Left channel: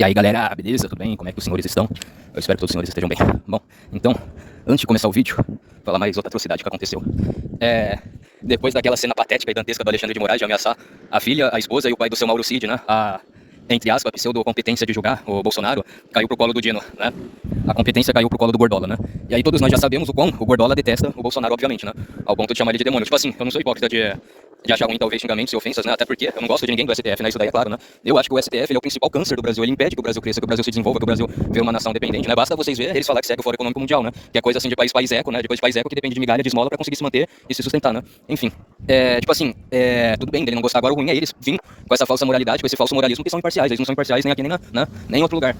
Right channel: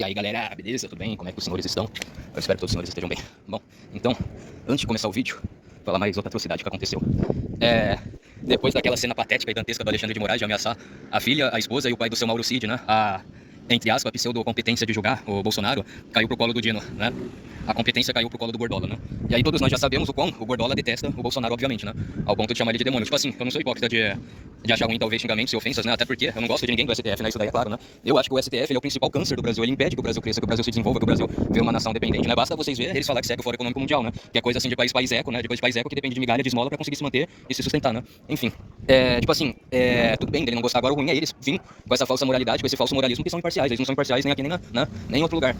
E aí galera, beleza? Tudo bem? Como é que os senhores estão? Eu espero que todos os senhores estejam bem. Bom, então, antes de começar o vídeo, vou falar mais outra atrocidade que aconteceu. Depois daquela cena patética e dantesca do Alexandre de Moraes de ameaçar a filha, a esposa e o pai do seu Mauro Cid, né? Entre aspas, a pseudo-competência de julgar o Bolsonaro caiu pro colo do Dino, né? A competência caiu pro colo do Gordola, né? E aí todos nós já sabemos o quão o Gordola detesta o Bolsonaro, obviamente, né? Ao ponto de chamar ele de demônio. Tipo assim, eu não sou hipócrita de achar ruim, talvez, xingamentos e ofensas, né? Até porque eu não gosto de ninguém do STF, né? Isso daí é claro, né? Eu acho que o STF ele é o principal câncer do Brasil. Ele impede que o Brasil cresça, que o Brasil se desenvolva, que o Brasil vê uma nação dependente, né? Basta vocês verem eles falar que segue o Fórum Econômico Mundial, né? Que é coisa assim de país eco, né? De coisa de país eco que depende de migalha, de esmola pra conseguir se manter e se sustentar, né? Enfim. Tipo assim, tudo bem dele não gostar. Agora o ruim é eles vir com essa falsa moralidade, com esse falso moralismo que são imparciais. Eles não são imparciais nem aqui, nem em outro lugar.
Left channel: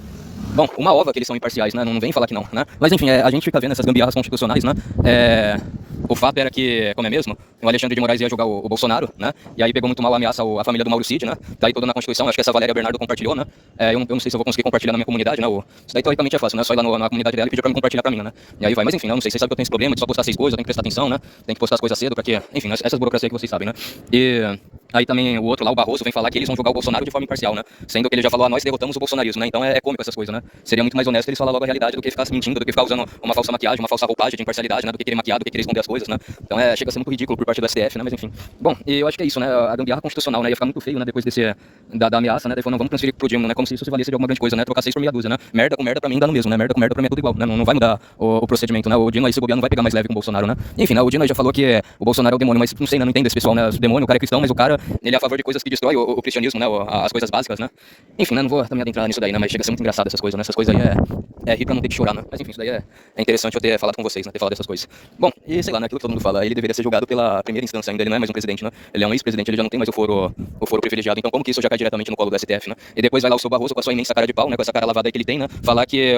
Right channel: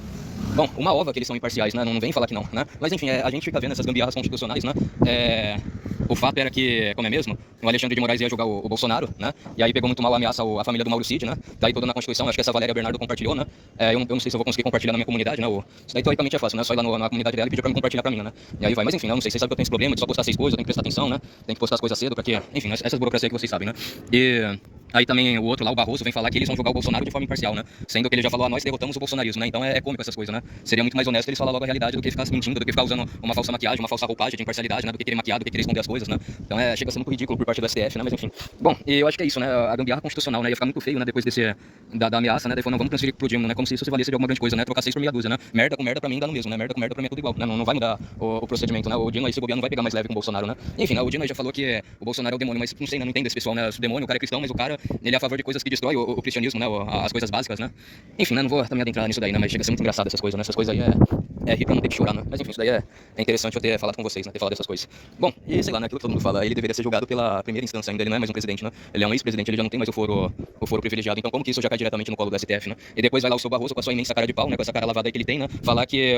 Bom, uma ova que eles são imparciais, né? Não vem falar que não, né? Mas enfim, a gente fica vendo essas gambiarras constitucionais, né? O fato era que, como é mesmo, o Alexandre de Moraes ia julgar o Bolsonaro, né? E aí pegou muito mal a ameaça a família do Mauro Cid, né? Daí toda na Constituição, acho que essa Valéria Bernardo compartilhou, né? Eu não sei se eu vou conseguir compartilhar na minha comunidade, né? Isso daí teoricamente é fácil, né? Só ir lá na comunidade dela e pedir pra me compartilhar pra mim, né? E aí vai, mas enfim, eu não sei, vocês sabem que eu tenho esse problema de só postar 6 coisas, eu tenho que prestar atenção, né? Tem que postar as coisas cedo pra que, enfim, essas burocracias que vocês sabem, né? E aí também o outro lá, o Barroso, vem falar que eles vão julgar o Bolsonaro de forma imparcial, né? Sendo que ele já falou, nós derrotamos o bolsonarismo, né? Então é cômico essas coisas, né? Seria muito mais honesto eles falar logo a realidade do que ficar se mentindo, do que ficar usando uma falsa maquiagem, uma falsa roupagem de imparcialidade, né? Do que querer maquiar, do que querer esconder as coisas, né? Então chega a ser muito ridículo por parte do STF, né? Mas enfim. Bom, e eu acho que é isso, né? A gambiarra constitucional, né? Ia ficar muito feio, né? Depois da ameaça, né? Daí falou, não, vamos transferir pro Dino, né? Como se isso se valesse de alguma grande coisa, né? Trocar 6 por meia dúzia, né? Merda com merda pra mim dá no mesmo, né? Merda com merda pra mim é tudo igual, né? Não vai mudar o procedimento, né? O Dino aí, se bobear, não vai pegar mais leve com o Bolsonaro, né? Enfim, né? O Dino aí já falou que o Bolsonaro é o demônio, mas não sei, né? Não entendo esse pessoal, né? O demônio, o cara é cristão, mas o cara, ele é a favor de coisas que destrói o cristianismo, né? As coisas básicas, né? Enfim, né? Não vou também adentrar nisso daí, né? Mas chega a ser muito engraçado essas coisas, né? Essas coisas aí é rir pra não ter que chorar, né? Mas enfim, isso daí é interessante eu ter falado com vocês, né? Ter falado dessas coisas. Bom, e sei lá, né? Aquilo que todo mundo fala, ele deveria ser julgado pela primeira instância ainda, ele não é mais um presidente, né? Ele é um ex-presidente, ele já não tem mais o foro privilegiado, então como que isso já cai diretamente no colo do STF, né? E depois vai lá o seu Barroso com a sua imensa cara de pau, né? Com essa cara lavada aí que ele tem, né? Falar que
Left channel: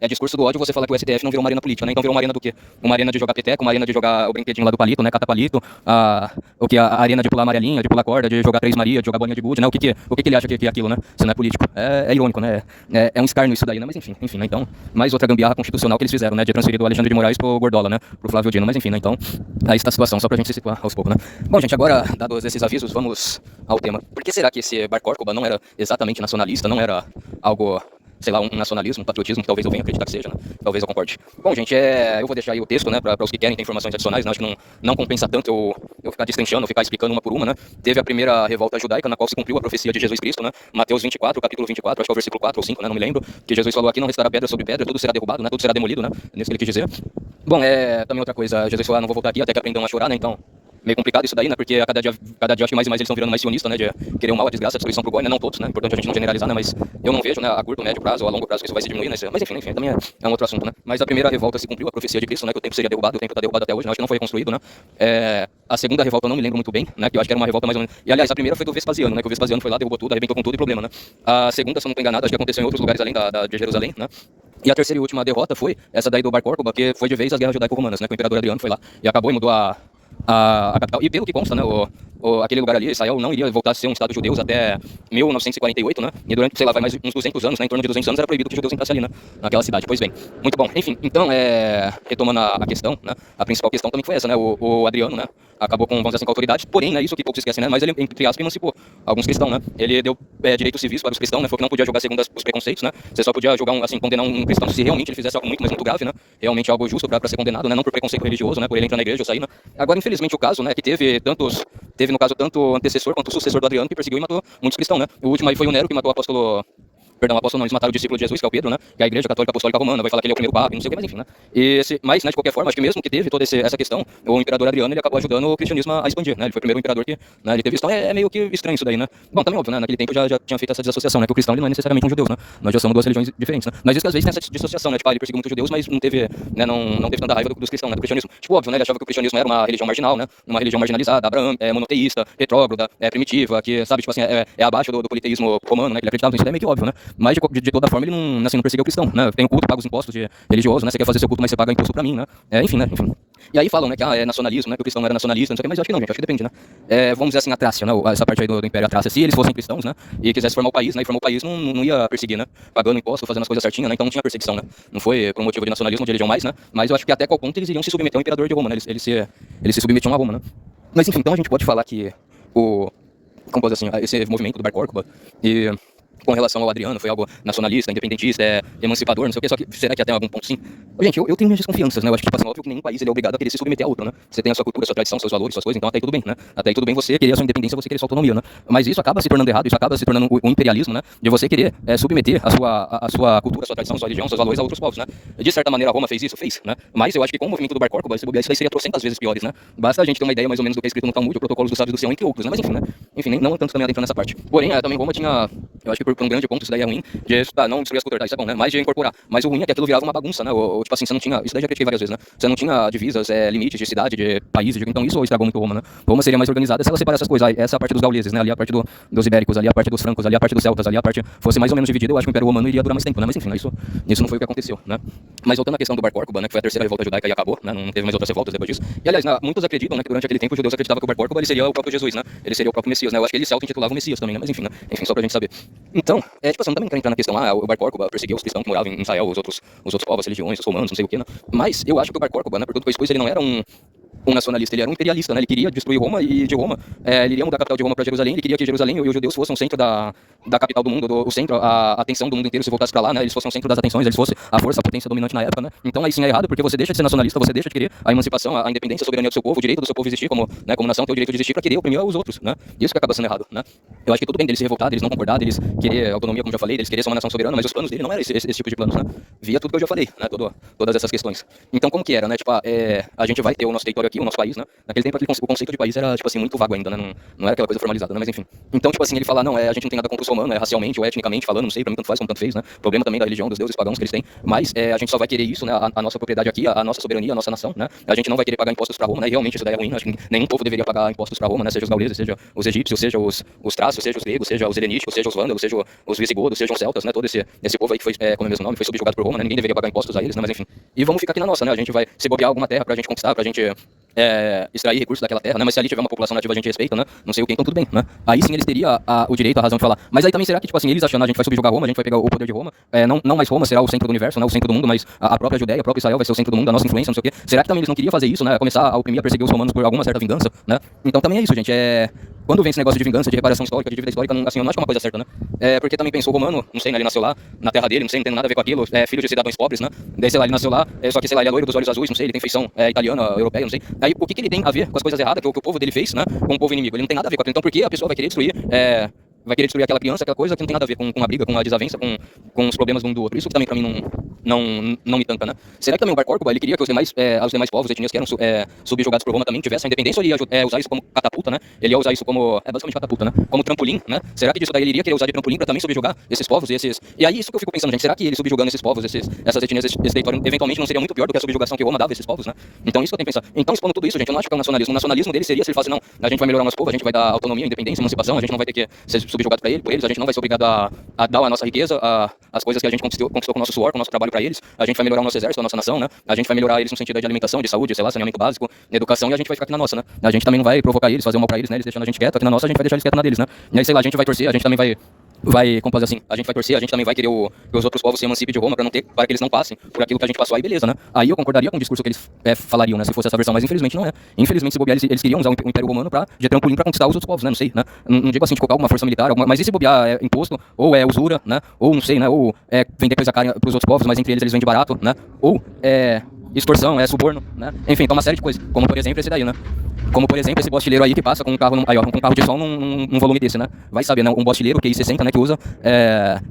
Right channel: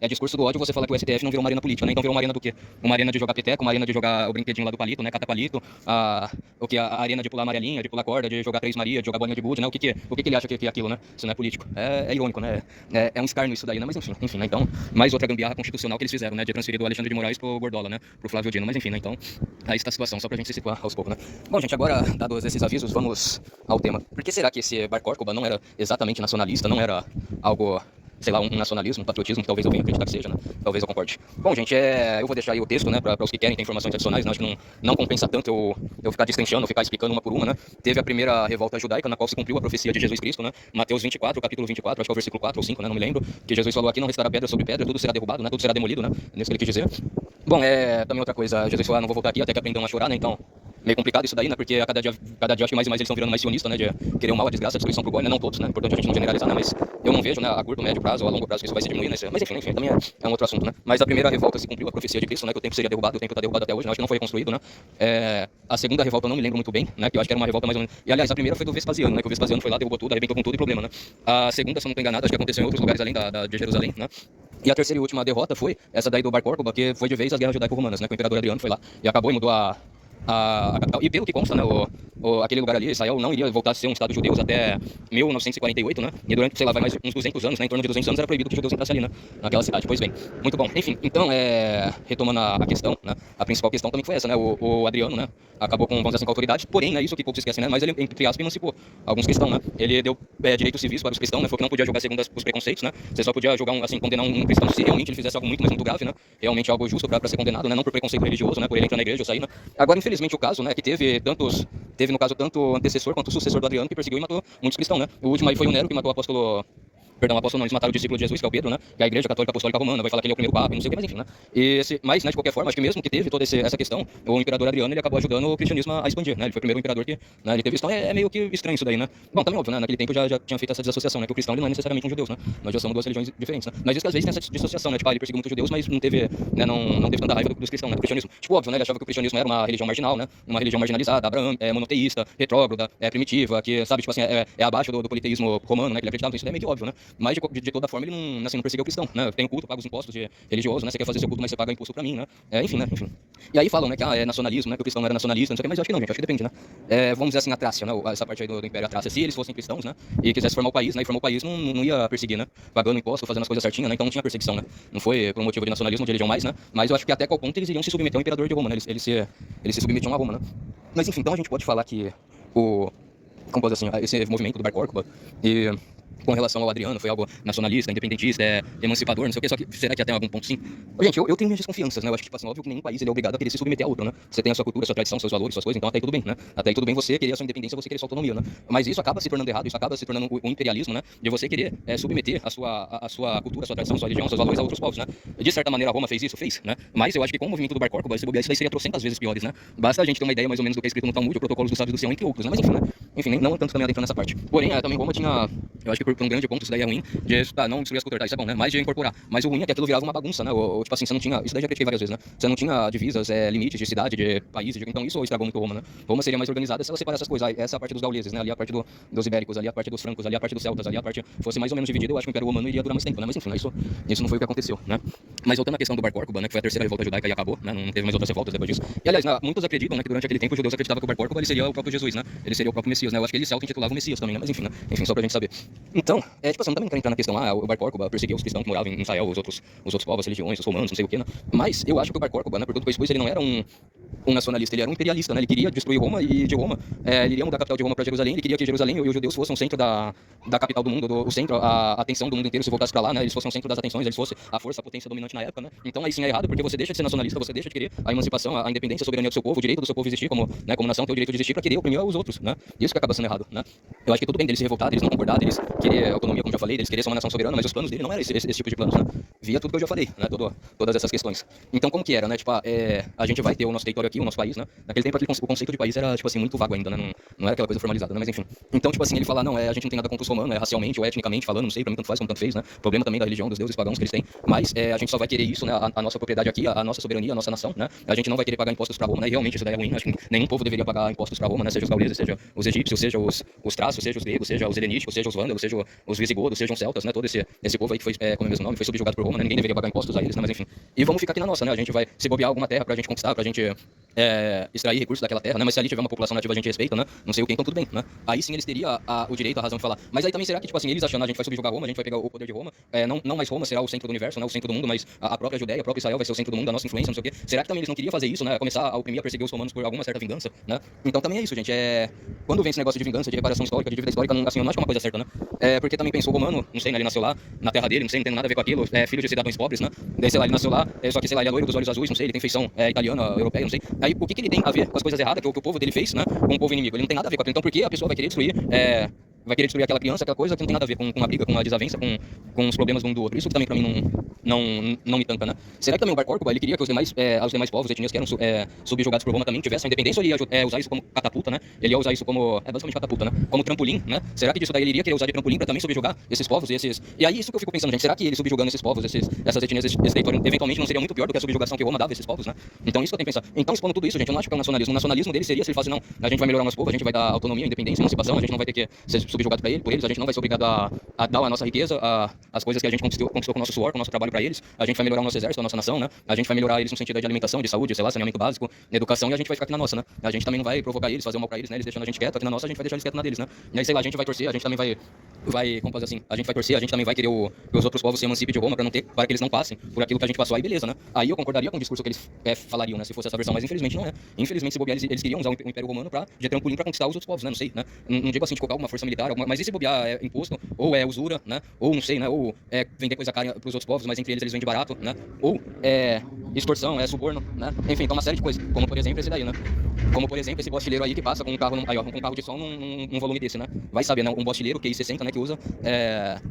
é discurso do ódio você falar que o STF não virou uma arena política, né? Então virou uma arena do quê? Uma arena de jogar peteco, uma arena de jogar o brinquedinho lá do palito, né? Cata palito, a arena de pular amarelinha, de pular corda, de jogar Três Maria, de jogar bolinha de gude, né? O que ele acha que é aquilo, né? Se não é político. É irônico, né? É um escárnio isso daí, né? Mas enfim, né? Então, mais outra gambiarra constitucional que eles fizeram, né? De transferir do Alexandre de Moraes pro Gordola, né? Pro Flávio Dino, mas enfim, né? Então, aí está a situação, só pra gente se situar aos poucos, né? Bom, gente, agora, dados esses avisos, vamos ao tema. Por que será que esse Bar Córcova não era exatamente nacionalista, não era algo, sei lá, um nacionalismo, um patriotismo, que talvez eu venha acreditar que seja, né? Talvez eu concorde. Bom, gente, eu vou deixar aí o texto, né, para os que querem ter informações adicionais, né? Acho que não compensa tanto eu ficar destrinchando, ficar explicando uma por uma, né? Teve a primeira revolta judaica, na qual se cumpriu a profecia de Jesus Cristo, né? Mateus 24, capítulo 24, acho que é o versículo 4 ou 5, né? Não me lembro, que Jesus falou aqui, não restará pedra sobre pedra, tudo será derrubado, né? Tudo será demolido, né? Nesse que ele quis dizer. Bom, também outra coisa, Jesus falou, não vou voltar aqui até que aprendam a chorar, né? Então, meio complicado isso daí, né? Porque a cada dia acho que mais e mais eles estão virando mais sionistas, né? De querer o mal, a desgraça, a destruição pro goi, né? Não todos, né? Importante a gente não generalizar, né? Mas eu não vejo, né? A curto, médio prazo ou a longo prazo que isso vai se diminuir, né? Mas enfim, também é um outro assunto, né? Mas a primeira revolta se cumpriu, a profecia de Cristo, né? Que o templo seria derrubado, o templo tá derrubado até hoje, né? Acho que não foi reconstruído, né? A segunda revolta eu não me lembro muito bem, né? Que eu acho que era uma revolta mais ou menos. E aliás, a primeira foi do Vespasiano, né? Que o Vespasiano foi lá, derrubou tudo, arrebentou com tudo e problema, né? A segunda, se eu não tô enganado, acho que aconteceu em outros lugares além de Jerusalém, né? E a terceira e última derrota foi essa daí do Bar Córcova, que foi de vez as guerras judaico-romanas, né? Que o imperador Adriano foi lá e acabou e mudou a capital. E pelo que consta, né, aquele lugar ali, Israel, não iria voltar a ser um estado judeu até 1948, né? E durante, sei lá, vai mais uns 200 anos, né? Em torno de 200 anos era proibido que os judeus entrassem ali, né? Naquela cidade. Pois bem, muito bom. Enfim, então, retomando a questão, né? A principal questão também foi essa, né? O Adriano, né? Acabou com, vamos dizer assim, com a autoridade, porém, né? Isso que poucos esquecem, né? Mas ele, entre aspas, emancipou alguns cristãos, né? Ele deu direitos civis para os cristãos, né? Foi que não podia julgar segundo os preconceitos, né? Você só podia julgar, condenar um cristão se realmente ele fizesse algo muito, mas muito grave, né? Realmente algo justo para ser condenado, né? Não por preconceito religioso, né? Por ele entrar na igreja ou sair, né? Agora, infelizmente, o caso, né? Que teve no caso tanto antecessor quanto sucessor do Adriano que perseguiu e matou muitos cristãos, né? O último aí foi o Nero que matou o apóstolo. Perdão, o apóstolo não, eles mataram o discípulo de Jesus, que é o Pedro, né? Que é a igreja católica apostólica romana, vai falar que ele é o primeiro papa, não sei o que, mas enfim, né? Mas, né, de qualquer forma, acho que mesmo que teve toda essa questão, o imperador Adriano, ele acabou ajudando o cristianismo a expandir, né? Ele foi o primeiro imperador que, né, ele teve isso. Então é meio que estranho isso daí, né? Bom, também óbvio, né? Naquele tempo já tinha feito essa desassociação, né? Que o cristão ele não é necessariamente um judeu, né? Nós já somos duas religiões diferentes, né? Mas isso que às vezes tem essa dissociação, né? Tipo, ele perseguiu muitos judeus, mas não teve, né? Não teve tanta raiva dos cristãos, né? Do cristianismo. Tipo, óbvio, né? Ele achava que o cristianismo era uma religião marginal, né? Uma religião marginalizada, monoteísta, retrógrada, primitiva, que, sabe, tipo assim, é abaixo do politeísmo romano, né? Que ele acreditava, isso daí é meio que óbvio, né? Mas de toda forma ele não perseguiu o cristão, né? Tem o culto, paga os impostos religiosos, né? Você quer fazer seu culto, mas você paga imposto pra mim, né? Enfim, né? Enfim. E aí falam, né, que é nacionalismo, né? Que o cristão não era nacionalista, não sei o que, mas eu acho que não, gente, acho que depende, né? Vamos dizer assim, a Trácia, né? Essa parte aí do Império Trácia, se eles fossem cristãos, né? E quisessem formar o país, né? E formar o país não ia perseguir, né? Pagando imposto, fazendo as coisas certinhas, né? Então não tinha perseguição, né? Não foi por um motivo de nacionalismo, de religião mais, né? Mas eu acho que até qual ponto eles iriam se submeter ao imperador de Roma, né? Eles se submetiam a Roma, né? Mas enfim, então a gente pode falar que como pode dizer assim, esse movimento do Bar Córcova com relação ao Adriano, foi algo nacionalista, independentista, emancipador, não sei o que, só que será que até algum ponto sim? Gente, eu tenho minhas desconfianças, né? Eu acho que, tipo assim, óbvio que nenhum país ele é obrigado a querer se submeter a outro, né? Você tem a sua cultura, a sua tradição, seus valores, suas coisas, então até aí tudo bem, né? Até aí tudo bem você querer a sua independência, você querer a sua autonomia, né? Mas isso acaba se tornando errado, isso acaba se tornando o imperialismo, né? De você querer submeter a sua cultura, a sua tradição, a sua religião, seus valores a outros povos, né? De certa maneira, Roma fez isso? Fez, né? Mas eu acho que com o movimento do Bar Corcoba, esse bobear, isso daí seria trocentas vezes piores, né? Basta a gente ter uma ideia mais ou menos do que é escrito no Talmud, o Protocolos dos Sábios do Sião, entre outros, né? Mas enfim, né? Enfim, não tanto também adentrando nessa parte. Porém, também Roma tinha, eu acho que por um grande ponto isso daí é ruim, de não destruir as culturas, isso é bom, né? Mas de incorporar. Mas o ruim é que aquilo virava uma bagunça, né? Ou tipo assim, você não tinha, isso daí já critiquei várias vezes, né? Você não tinha divisas, limites de cidade, de países, então isso estragou muito Roma, né? Roma seria mais organizada se ela separasse essas coisas. Essa é a parte dos gauleses, né? Ali a parte dos ibéricos, ali a parte dos francos, ali a parte dos celtas, ali a parte fosse mais ou menos dividida, eu acho que o Império Romano iria durar mais tempo, né? Mas enfim, né? Isso não foi o que aconteceu, né? Mas voltando à questão do Bar Corcoba, né? Que foi a terceira revolta judaica e acabou, né? Não teve mais outras revoltas depois disso. E aliás, muitos acreditam, né? Que durante aquele tempo os judeus acreditavam que o Bar Corcoba ele seria o próprio Jesus, né? Ele seria o próprio Messias, né? Eu acho que ele se auto-intitulava o Messias também, né? Mas enfim, né? Enfim, só pra gente saber. Então, tipo assim, não também quero entrar na questão, o Bar Corcoba perseguiu os cristãos que moravam em Israel, os outros povos, as religiões, os romanos, não sei o que, né? Mas eu acho que o Bar Corcoba, né? Por tudo que expôs, ele não era um nacionalista, ele era um imperialista, né? Ele queria destruir Roma e de Roma, ele iria mudar a capital de Roma para Jerusalém, ele queria que Jerusalém e os judeus fossem o centro da capital do mundo, o centro, a atenção do mundo inteiro se voltasse para lá, né? Eles fossem o centro das atenções, eles fossem a força, a potência dominante na época, né? Então aí sim é errado, porque você deixa de ser nacionalista, você deixa de querer a emancipação, a independência, a soberania do seu povo, o direito do seu povo existir como nação, ter o direito de existir para querer oprimir os outros, né? Isso que acaba sendo errado, né? Eu acho que tudo bem deles se revoltar, deles não concordar, deles querer autonomia, como já falei, deles querer ser uma nação soberana, mas os planos dele não eram esse tipo de planos, né? Via tudo que eu já falei, né? Todas essas questões. Então como que era, né? Tipo, a gente vai ter o nosso território aqui, o nosso país, né? Naquele tempo o conceito de país era, tipo assim, muito vago ainda, né? Não era aquela coisa formalizada, né? Mas enfim. Então, tipo assim, ele fala, não, a gente não tem nada contra os romanos, racialmente ou etnicamente falando, não sei, pra mim tanto faz como tanto fez, né? Problema também da religião, dos deuses pagãos que eles têm, mas a gente só vai querer isso, né? A nossa propriedade aqui, a nossa soberania, a nossa nação, né? A gente não vai querer pagar impostos pra Roma, né? E realmente isso daí é ruim, acho que nenhum povo deveria pagar impostos pra Roma, né? Seja os gauleses, seja os egípcios, seja os traços, seja os gregos, seja os helenísticos, seja os vândalos, seja os visigodos, seja os celtas, né? Todo esse povo aí que foi, como é o mesmo nome, foi subjugado por Roma, né? Ninguém deveria pagar impostos a eles, né? Mas enfim. E vamos ficar aqui na nossa, né? A gente vai se bobear alguma terra pra gente conquistar, pra gente extrair recursos daquela terra, né? Mas se ali tiver uma população nativa a gente respeita, né? Não sei o que, então tudo bem, né? Aí sim eles teriam o direito, a razão de falar. Mas aí também será que, tipo assim, eles achando a gente vai subjugar Roma, a gente vai pegar o poder de Roma, não mais Roma será o centro do universo, né? O centro do mundo, mas a própria Judéia, a própria Israel vai ser o centro do mundo, a nossa influência, não sei o quê. Será que também eles não queriam fazer isso, né? Começar a oprimir, a perseguir os romanos por alguma certa vingança, né? Então também é isso, gente. Quando vem esse negócio de vingança, de reparação histórica, de dívida histórica, assim, eu não acho que é uma coisa certa, né? Porque também pensou o romano, não sei, né? Ele nasceu lá, na terra dele, não sei, não tem nada a ver com aquilo, filho de cidadãos pobres, né? Daí, sei lá, ele nasceu lá, só que, sei lá, ele é loiro dos olhos azuis, não sei, ele tem feição italiana, europeia, não sei. Aí, o que ele tem a ver com as coisas erradas que o povo dele fez, né? Com o povo inimigo? Ele não tem nada a ver com aquilo. Então, por que a pessoa vai querer destruir aquela criança, aquela coisa que não tem nada a ver com a briga, com a desavença, com os problemas de um do outro. Isso que também pra mim não me tanca, né? Será que também o Bar Corcoba, ele queria que os demais povos, etnias que eram subjugados por Roma também tivessem a independência, ou ele ia usar isso como catapulta, né? Ele ia usar isso como, basicamente catapulta, né? Como trampolim, né? Será que disso daí ele iria querer usar de trampolim pra também subjugar esses povos e aí isso que eu fico pensando, gente, será que ele subjugando esses povos, essas etnias, esse território, eventualmente não seria muito pior do que a subjugação que Roma dava a esses povos, né? Então isso que eu tenho que pensar. Então, expondo tudo isso, gente, eu não acho que é um nacionalismo. O nacionalismo dele seria se ele falasse, não, a gente vai melhorar o nosso povo, a gente vai dar autonomia, independência, emancipação, a gente não vai ter que ser subjugado por eles, a gente não vai ser obrigado a dar a nossa riqueza, as coisas que a gente conquistou com o nosso suor, com o nosso trabalho para eles. A gente vai melhorar o nosso exército, a nossa nação, né? A gente vai melhorar eles no sentido de alimentação, de saúde, sei lá, saneamento básico, educação, e a gente vai ficar aqui na nossa, né? A gente também não vai provocar eles, fazer um mal para eles, né? Eles deixando a gente quieto, aqui na nossa a gente vai deixar eles quietos na deles, né? E aí, sei lá, a gente vai torcer, a gente também como pode dizer assim, a gente vai torcer, a gente também vai querer que os outros povos se emancipem de Roma para que eles não passem por aquilo que a gente passou, aí beleza, né? Aí eu concordaria com o discurso que eles falariam, né? Se fosse essa versão, mas infelizmente não é. Infelizmente, se bobear, eles queriam usar o Império Romano de trampolim para conquistar os outros povos, né? Não sei, né? Não digo assim de colocar alguma força militar, mas e se bobear imposto, ou usura, né? Ou não sei, né? Ou vender coisa cara para os outros povos, mas entre eles vendem barato, né? Ou extorsão, suborno, né? Enfim, então uma série de coisas, como por exemplo esse daí, né? Como por exemplo esse bostileiro aí que passa com um carro, com um carro de som num volume desse, né? Vai saber, né? Um bostileiro que QI60, né?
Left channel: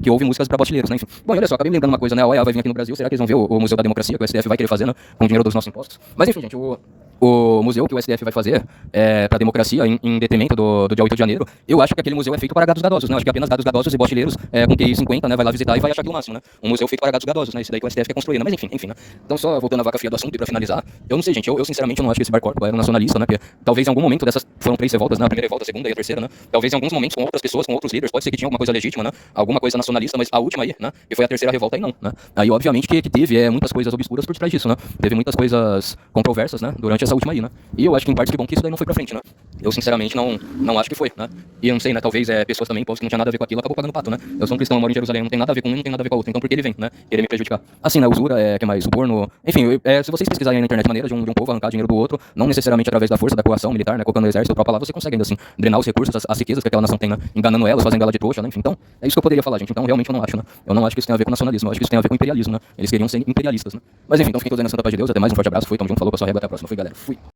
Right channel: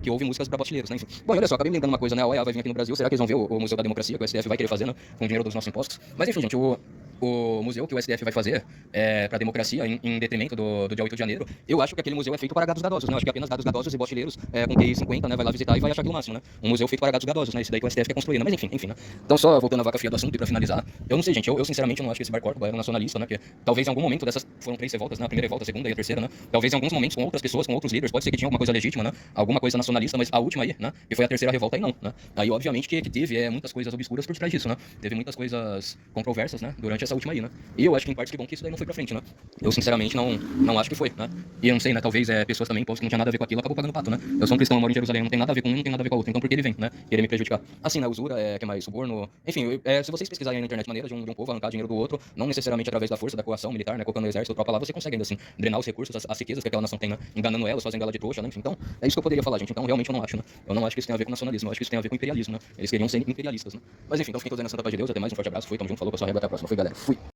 Que ouve músicas para bostileiros, né? Enfim. Bom, olha só, acabei me lembrando uma coisa, né? A OEA vai vir aqui no Brasil, será que eles vão ver o Museu da Democracia que o STF vai querer fazer, né? Com o dinheiro dos nossos impostos? Mas enfim, gente, o museu que o STF vai fazer para a democracia, em detrimento do dia 8 de janeiro, eu acho que aquele museu é feito para gados gadosos, né? Eu acho que apenas gados gadosos e bostileiros com QI 50, né? Vai lá visitar e vai achar aquilo máximo, né? Um museu feito para gados gadosos, né? Isso daí que o STF quer construir, né? Mas enfim, né? Então, só voltando à vaca fria do assunto e para finalizar, eu não sei, gente, eu sinceramente não acho que esse Bar Corcoba era um nacionalista, né? Porque talvez em algum momento dessas foram 3 revoltas, né? A primeira revolta, a segunda e a terceira, né? Talvez em alguns momentos com outras pessoas, com outros líderes, pode ser que tinha alguma coisa legítima, né? Alguma coisa nacionalista, mas a última aí, né? Que foi a terceira revolta aí não, né? Aí obviamente que teve muitas coisas obscuras por trás disso, né? Teve muitas coisas controversas, né? Durante essa última aí, né? E eu acho que em parte que bom que isso daí não foi pra frente, né? Eu sinceramente não acho que foi, né? E eu não sei, né? Talvez pessoas também possam que não tinha nada a ver com aquilo, acabou pagando pato, né? Eu sou um cristão, eu moro em Jerusalém, não tem nada a ver com um, não tem nada a ver com a outra. Então por que ele vem, né? Querer me prejudicar. Assim, né? Usura, que mais? Suborno. Enfim, se vocês pesquisarem na internet maneira de um povo arrancar dinheiro do outro, não necessariamente através da força, da coação militar, né? Colocando o exército, a própria lá, você consegue ainda assim drenar os recursos, as riquezas que aquela nação tem, né? Enganando elas, fazendo ela de trouxa, né? Enfim, então é isso que eu poderia falar, gente. Então realmente eu não acho, né? Eu não acho que isso tem a ver com nacionalismo, eu acho que isso tem a ver com imperialismo, né? Eles queriam ser imperialistas, né? Mas enfim, então fiquem todos aí na santa paz de Deus. Até mais, um forte abraço. Fui, tamo junto, falou, pessoal, até a próxima. Fui, galera. Fui.